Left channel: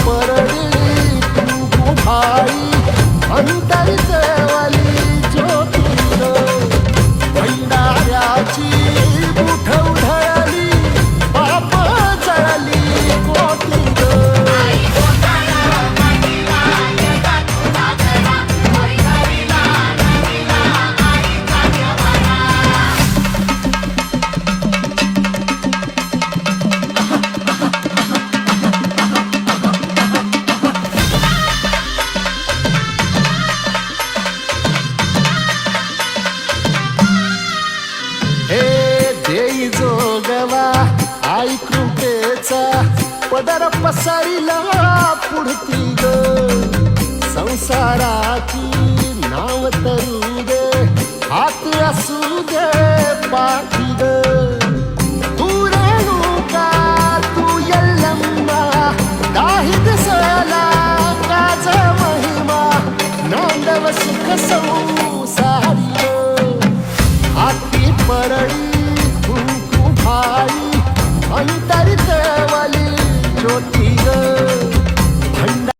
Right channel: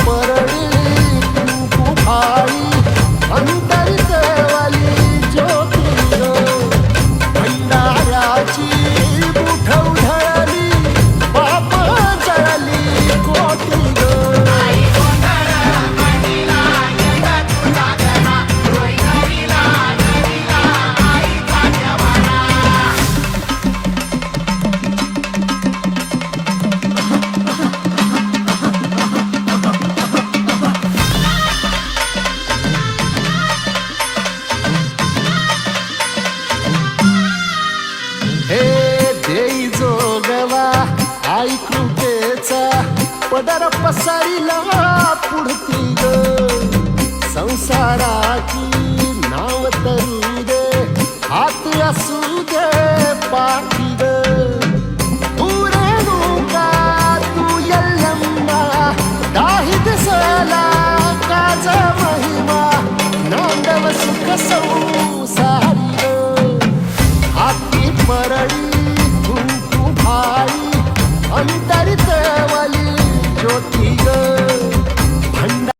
परडी कुंकू भाई अंतरितवाली ज्योती ग भंडाऱ्याची बुठ उधळली बाप जळली कोटी ग हे देई जोगवा आई कृपेचा पदर पसरिला पुढती ग संसाराची नाव तरू दे हात असू दे पाठी ग तू रेणुका तू यल्लम्मा दाही दिसला काज महिमा नांदव सुख संसारी ग हाती परडी कुंकू भाई अंतरितवाली ज्योती ग भंडार